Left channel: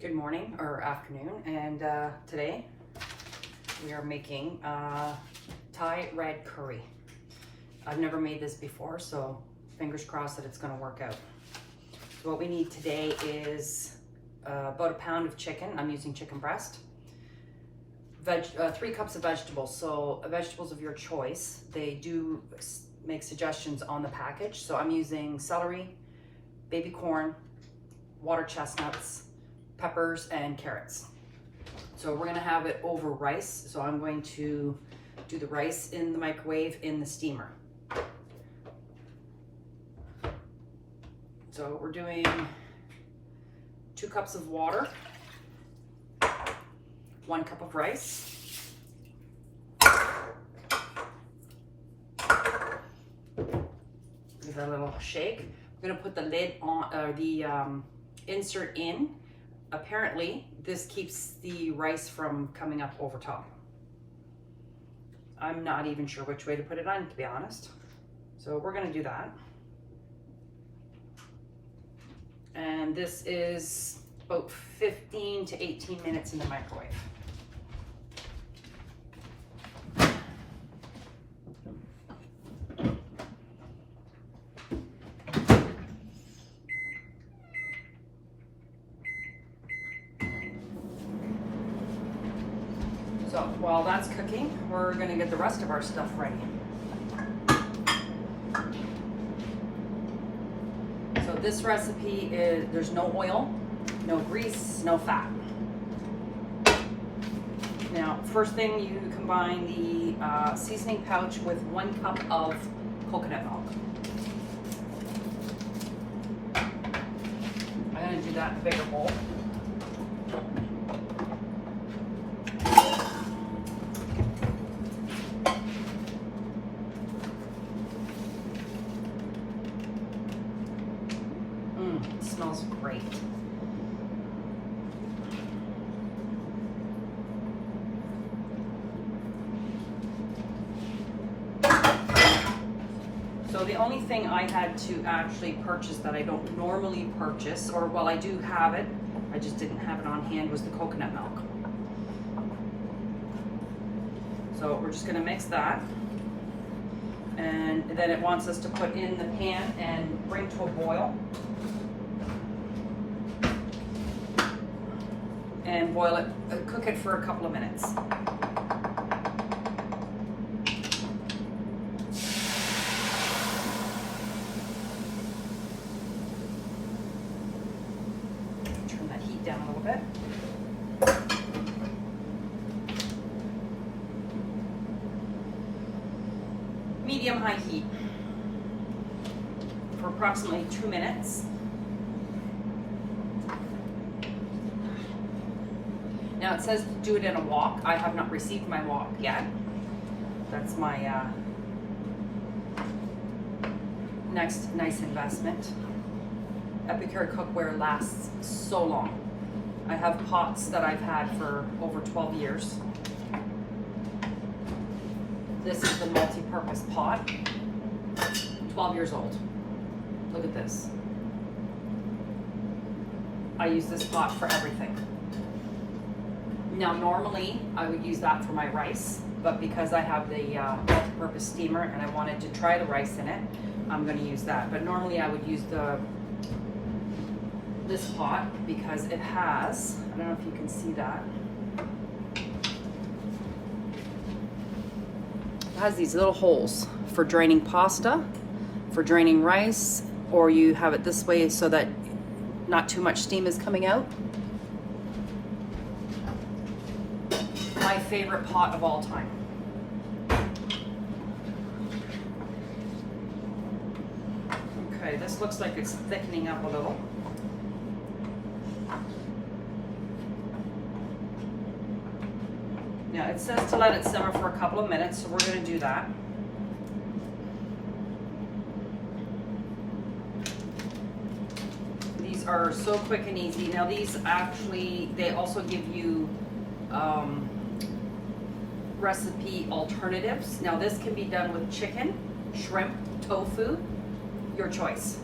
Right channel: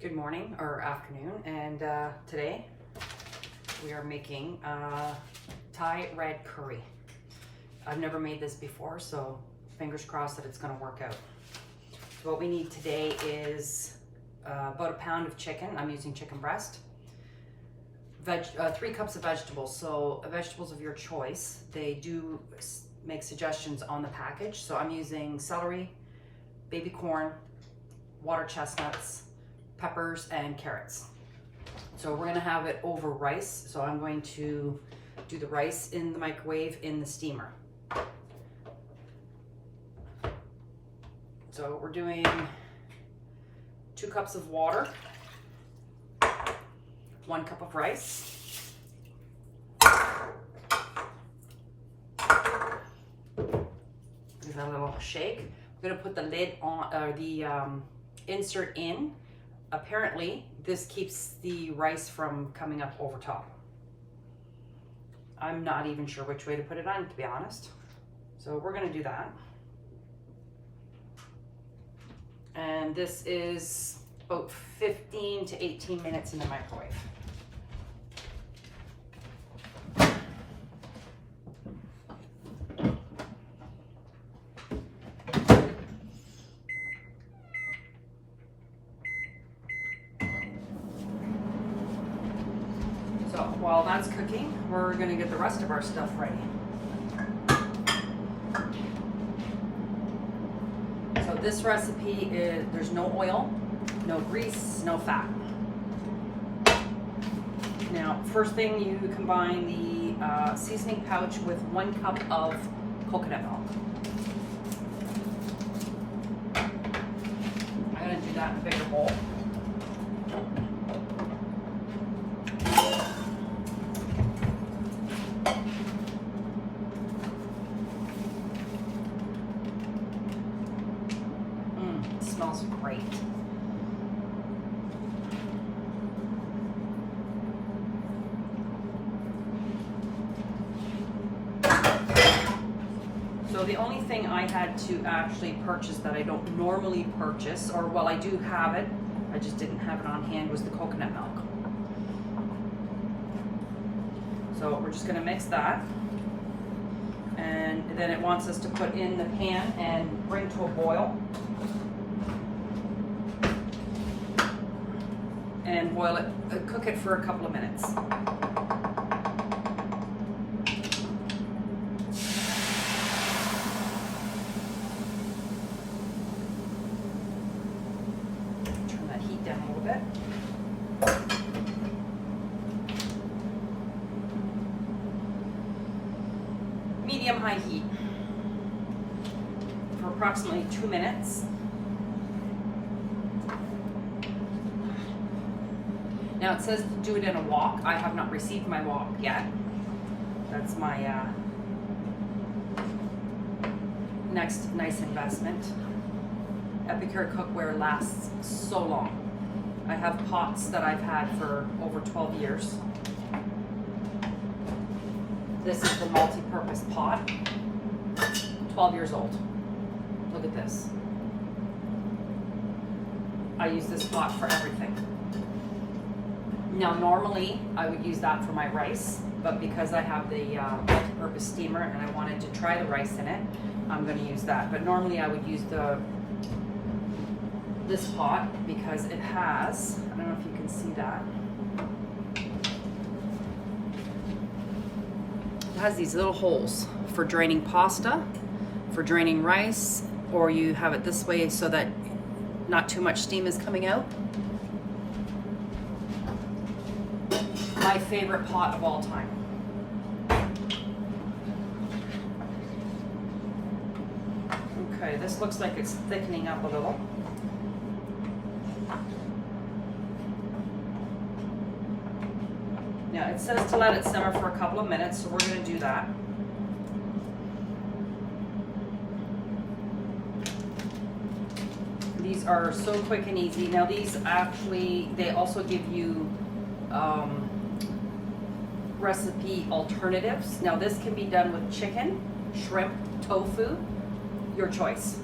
Good morning or afternoon, and today we are making Thai red curry. I've never made this before, so fingers crossed that it's going to work out. So what we need today is about a pound of chicken. I'm using chicken breast. 3 cups of vegetables, so vegetables of your choice. They do make suggestions on the package, so I'm using celery, baby corn, water chestnuts, peppers, and carrots. So we're gonna have it over rice. So I'm going to do the rice in the microwave in the steamer. So we're doing 2 cups of water, 1 cup of rice, give that a little shake. We're gonna put the lid on, the insert in. Apparently, this keeps the rice from coming up over top. I'm not even sure which way to put it on, to be honest. So we're gonna do that. And this is about 15 to 18 minutes in the microwave. So while that's cooking, we're gonna get the rest of our stuff ready. So this recipe is, there's no oil, no grease, no fat. Now, first thing, you combine the seasoning pouch with 1 cup of coconut milk. I'm gonna do that in a bigger bowl. Smells great. So the only thing I had to actually purchase that I don't normally purchase, or well, I do have it, I just didn't have it on hand, was the coconut milk. So we're just gonna mix that. And then it wants us to put in the pan and bring to a boil. And boil it, cook it for a couple of minutes. Turn that heat down a little bit. Medium-high heat for approximately 2 minutes. Now it says to do it in a wok. I have not received my wok yet. That's my next nice investment. Epicure cookware lasts so long. I have pots that I've had for over 12 years. This is the multi-purpose pot, 12 years old. Look at this. I use this pot for everything. Now, normally I would use that for my rice, but because I have the multi-purpose steamer and I wanted to try the rice in it, I'm going to use that. But normally I would use this pot because it has, I don't know if you can see that, it has these little holes for draining pasta, for draining rice, or you have it this way so that not too much steam is coming out. My favorite pot of all time. Okay, this looks like it's thickening up a little. Now it says to let it simmer for a couple of minutes, so we're going to do that. These are so quick and easy. Now these actually, they also give you recipe alternatives. Now this can be done with chicken, shrimp, tofu, your choice.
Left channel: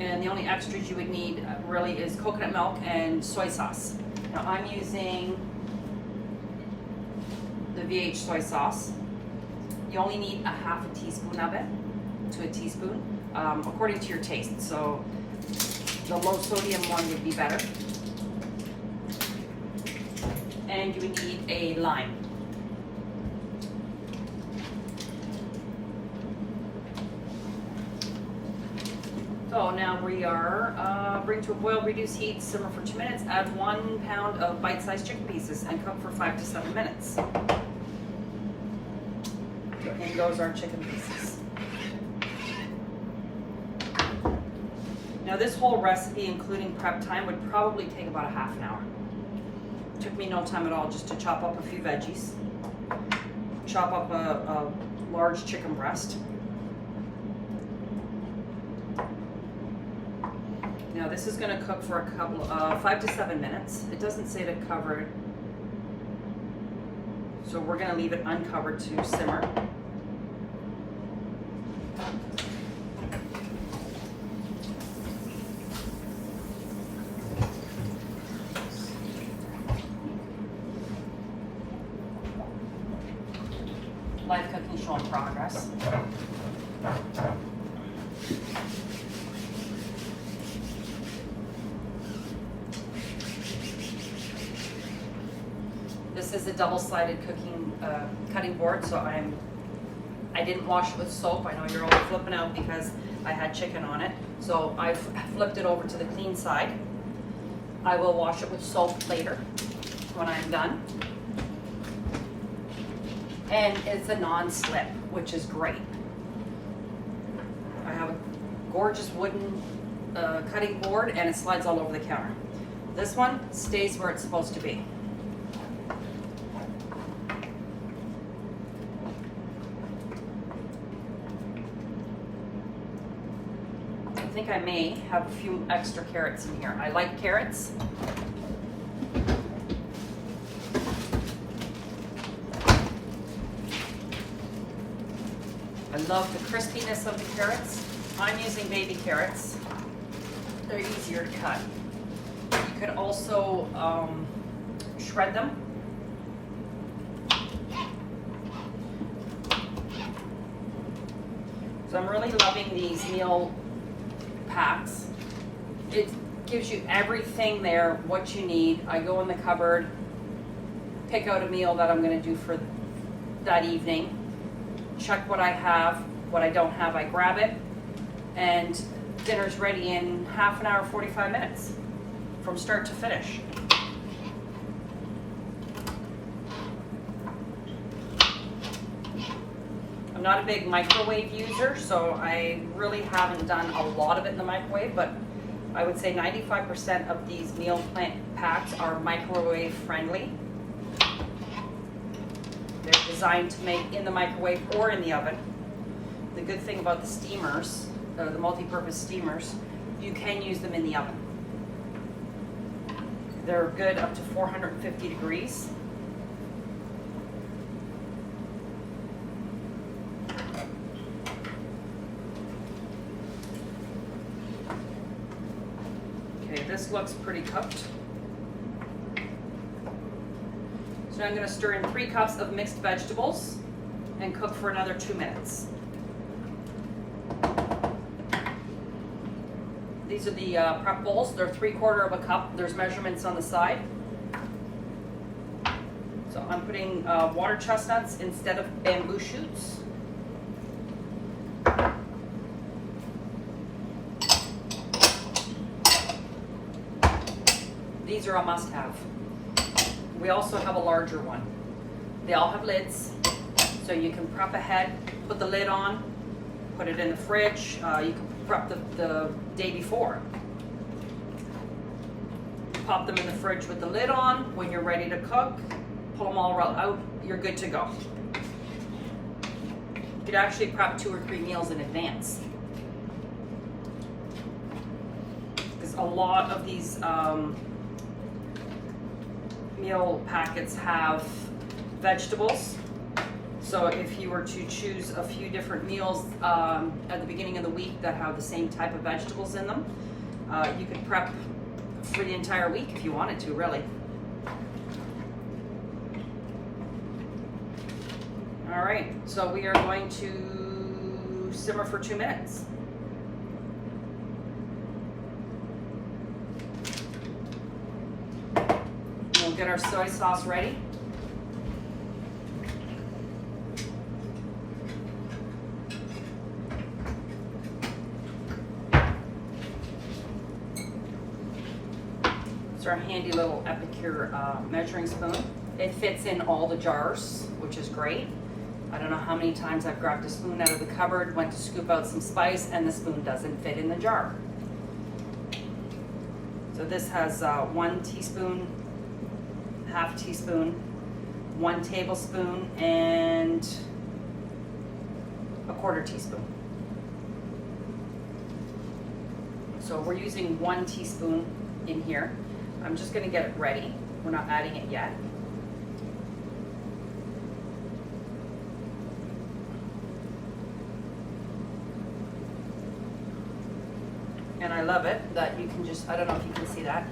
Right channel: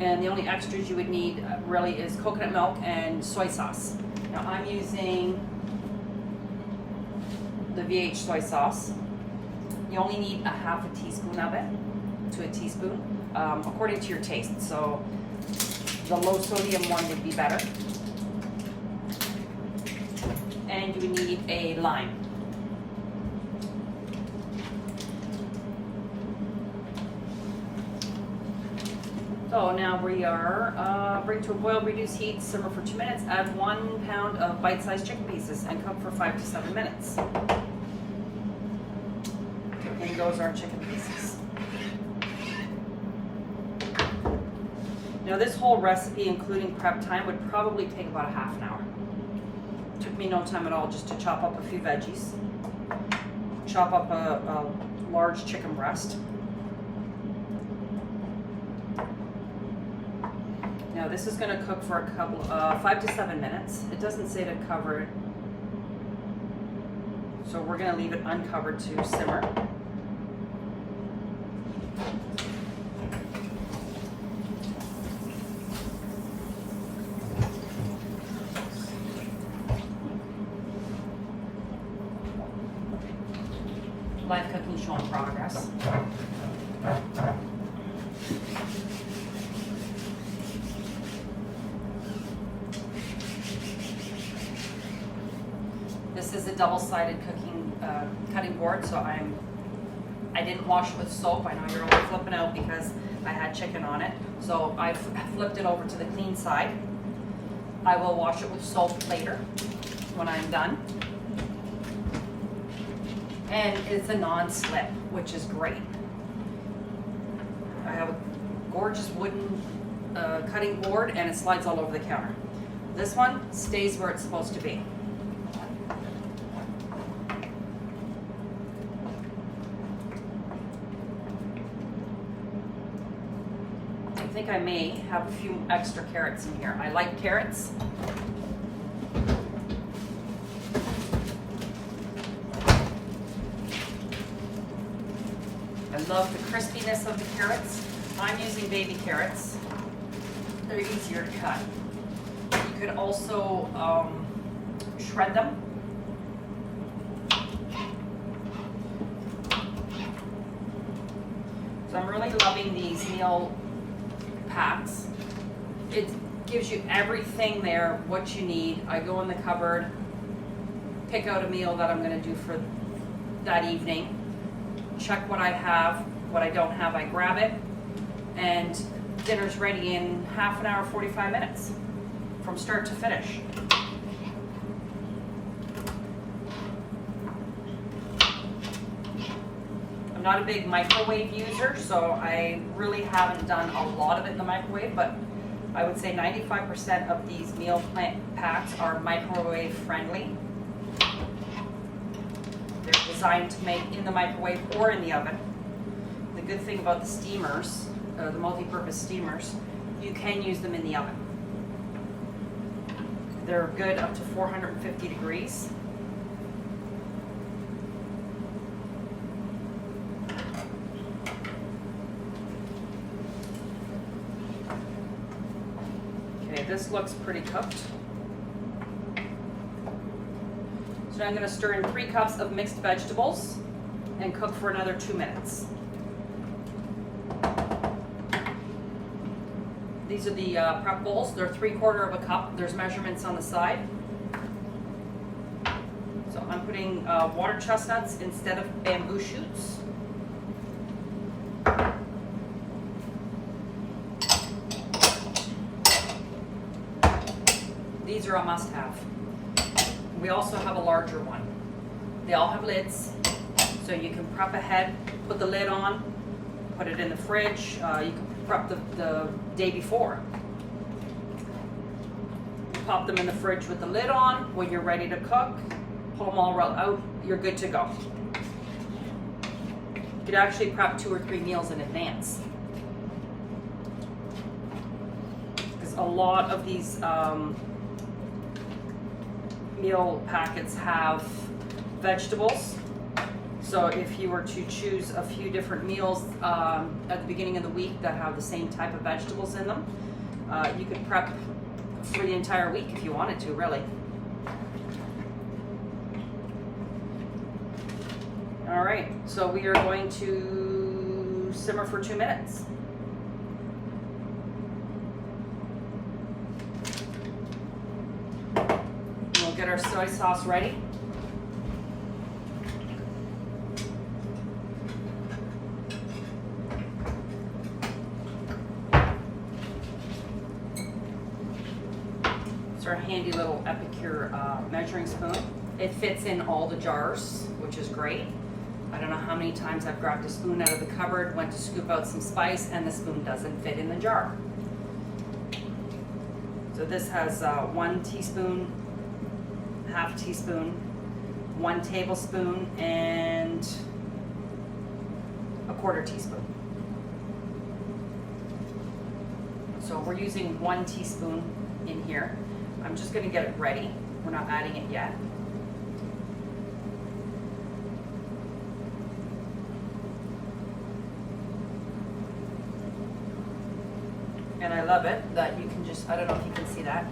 And the only extras you would need really is coconut milk and soy sauce. Now I'm using the VH soy sauce. You only need a half a teaspoon of it to a teaspoon, according to your taste. So the low sodium one would be better. And you would need a lime. So now we are, bring to a boil, reduce heat, simmer for 2 minutes, add 1 pound of bite-sized chicken pieces and cook for 5 to 7 minutes. And those are chicken pieces. Now this whole recipe, including prep time, would probably take about a half an hour. Took me no time at all just to chop up a few veggies, chop up a large chicken breast. Now this is going to cook for a couple, 5 to 7 minutes. It doesn't say to cover it, so we're going to leave it uncovered to simmer. Live cooking showing progress. This is a double-sided cutting board, so I didn't wash it with soap. I know you're all flipping out because I had chicken on it, so I flipped it over to the clean side. I will wash it with soap later when I'm done. And it's a non-slip, which is great. I have a gorgeous wooden cutting board, and it slides all over the counter. This one stays where it's supposed to be. I think I may have a few extra carrots in here. I like carrots. I love the crispiness of the carrots. I'm using baby carrots. They're easier to cut. You could also shred them. So I'm really loving these meal packs. It gives you everything there, what you need. I go in the cupboard, pick out a meal that I'm going to do for that evening, check what I have, what I don't have, I grab it, and dinner's ready in half an hour, 45 minutes, from start to finish. I'm not a big microwave user, so I really haven't done a lot of it in the microwave, but I would say 95% of these meal packs are microwave friendly. They're designed to make in the microwave or in the oven. The good thing about the steamers, the multi-purpose steamers, you can use them in the oven. They're good up to 450 degrees. Okay, this looks pretty cooked. So I'm going to stir in 3 cups of mixed vegetables and cook for another 2 minutes. These are the prep bowls. They're 3/4 of a cup. There's measurements on the side. So I'm putting water chestnuts instead of bamboo shoots. These are a must-have. We also have a larger one. They all have lids, so you can prep ahead, put the lid on, put it in the fridge. You can prep the day before. Pop them in the fridge with the lid on. When you're ready to cook, pull them all out, you're good to go. You could actually prep 2 or 3 meals in advance. Because a lot of these meal packets have vegetables, So if you were to choose a few different meals at the beginning of the week that have the same type of vegetables in them, you could prep for the entire week if you wanted to, really. All right, so we are going to simmer for 2 minutes. We'll get our soy sauce ready. It's our handy little Epicure measuring spoon. It fits in all the jars, which is great. I don't know how many times I've grabbed a spoon out of the cupboard, went to scoop out some spice, and the spoon doesn't fit in the jar. So this has 1 teaspoon, half teaspoon, 1 tablespoon, and a 1/4 teaspoon. So we're using 1 teaspoon in here. I'm just gonna get it ready. We're not adding it yet. And I love it that you can just, I don't know if you can see that.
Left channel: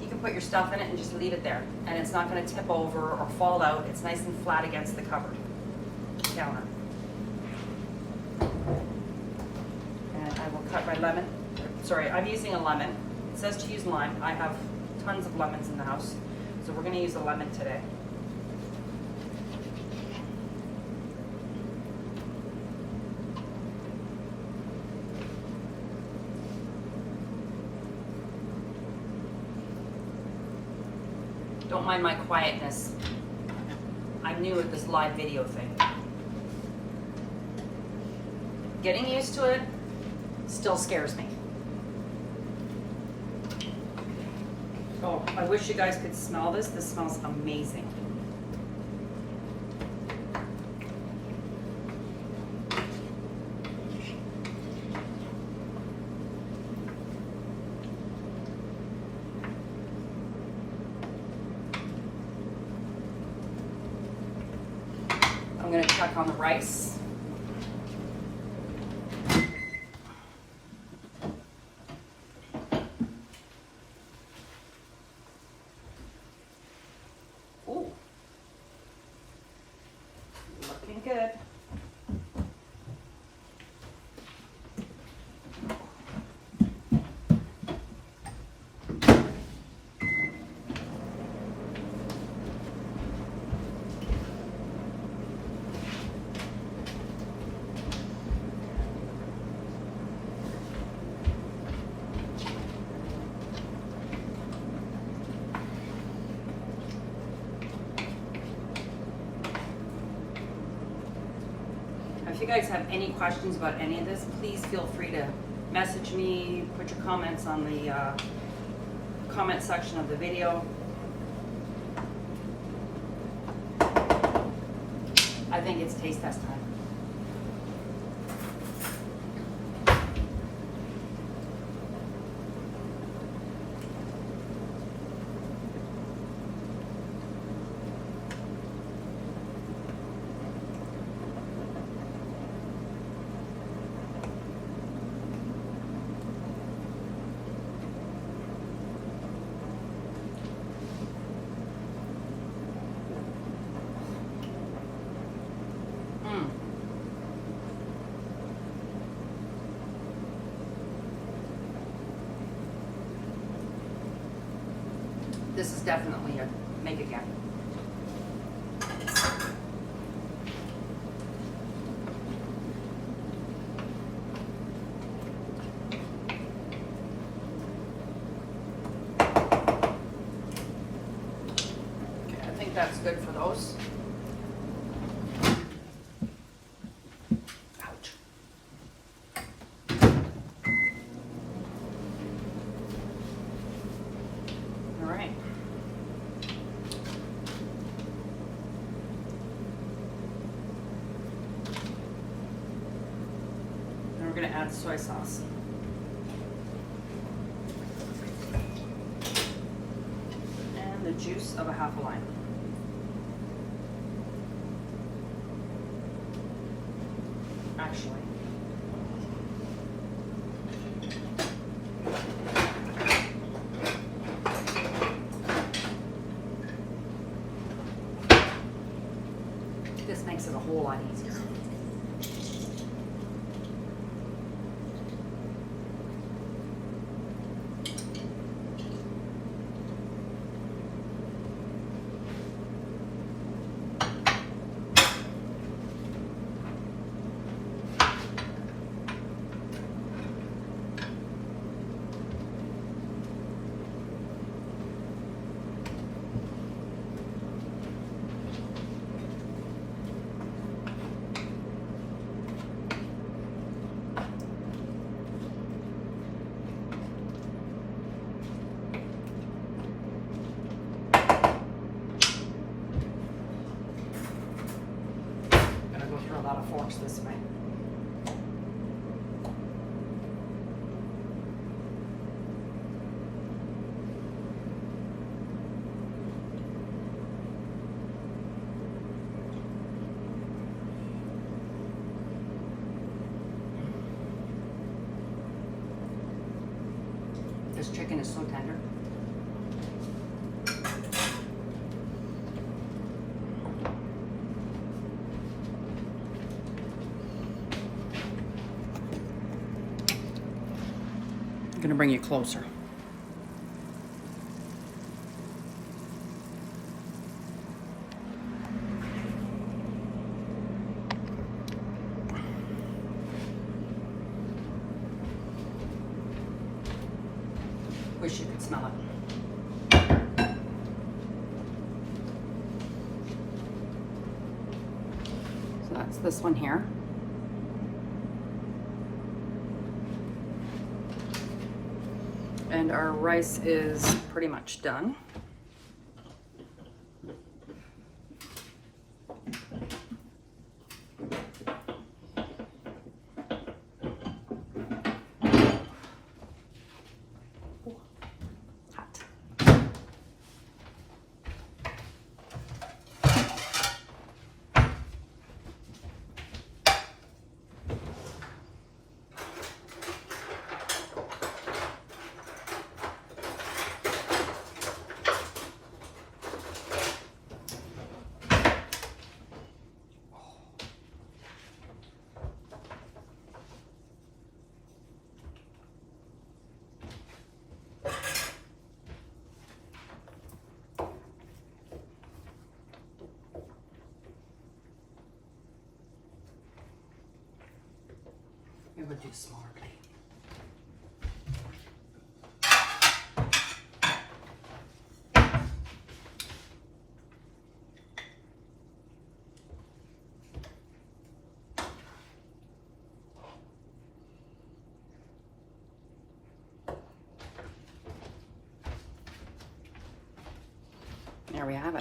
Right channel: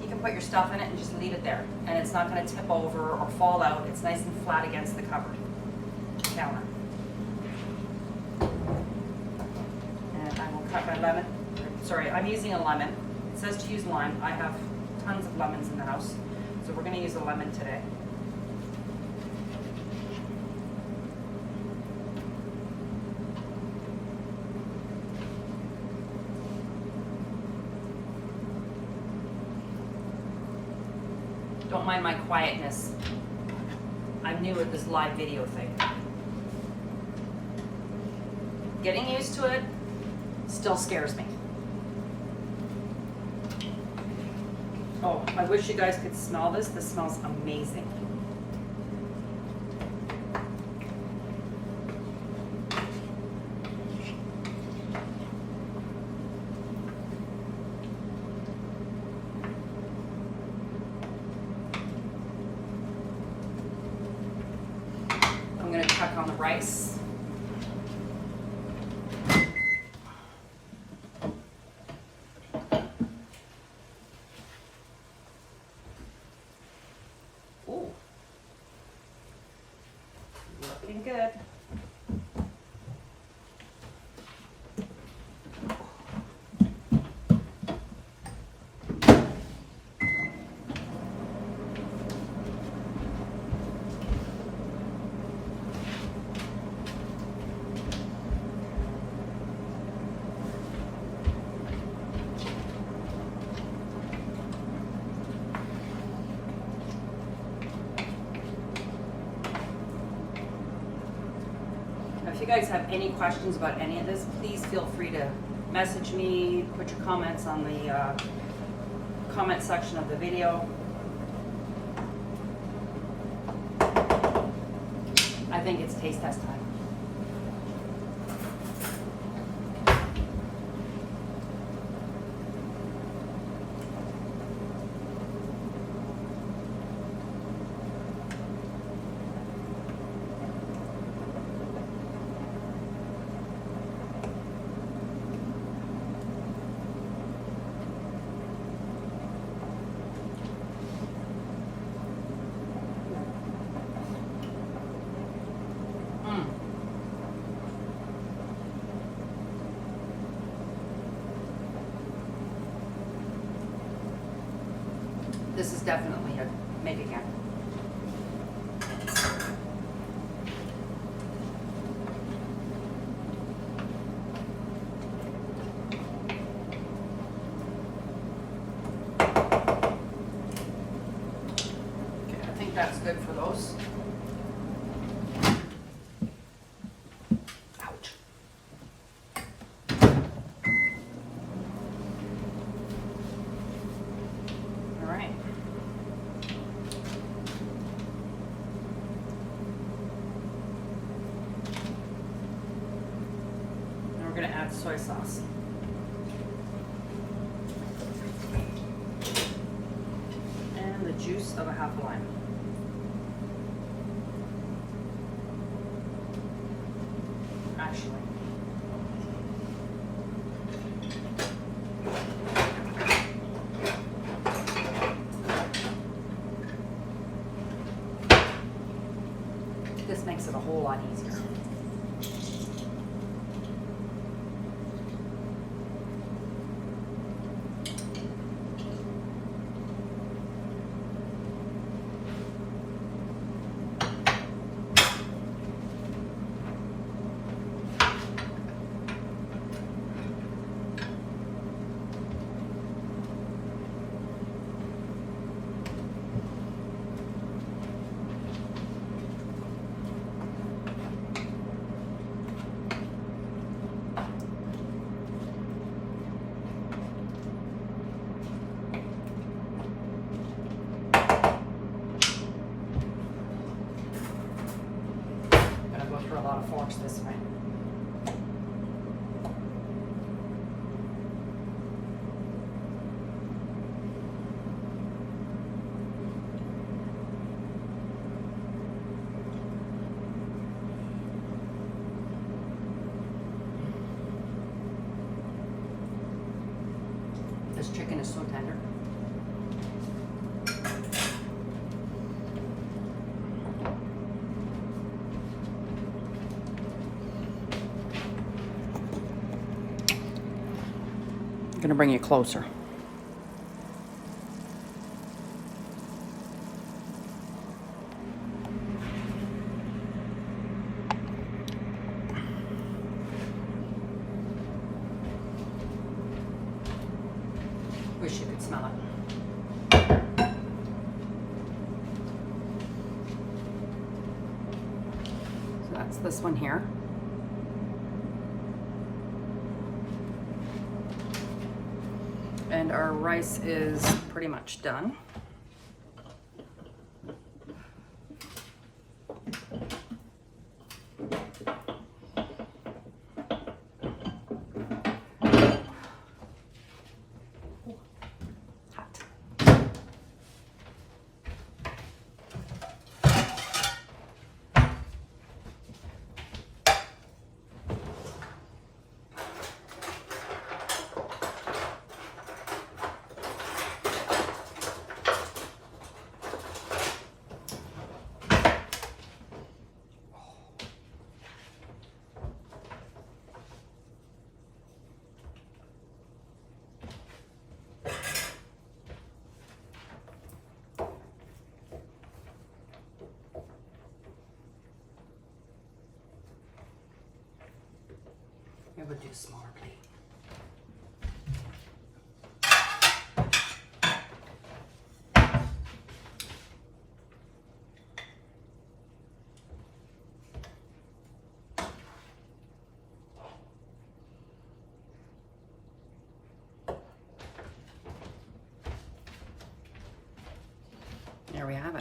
You can put your stuff in it and just leave it there. And it's not gonna tip over or fall out. It's nice and flat against the cupboard counter. And I will cut my lemon. Sorry, I'm using a lemon. It says to use lime. I have tons of lemons in the house. So we're gonna use a lemon today. Don't mind my quietness. I'm new at this live video thing. Getting used to it still scares me. Oh, I wish you guys could smell this. This smells amazing. I'm going to check on the rice. Ooh. Looking good. If you guys have any questions about any of this, please feel free to message me, put your comments on the comment section of the video. I think it's taste test time. This is definitely a make again. Okay, I think that's good for those. We're going to add soy sauce. And the juice of a half a lime. This makes it a whole lot easier. Go through a lot of forks this way. This chicken is so tender. I'm gonna bring you closer. Wish you could smell it. So that's this one here. And our rice is pretty much done. Hot. Maybe we'll do a smaller plate. There we have it.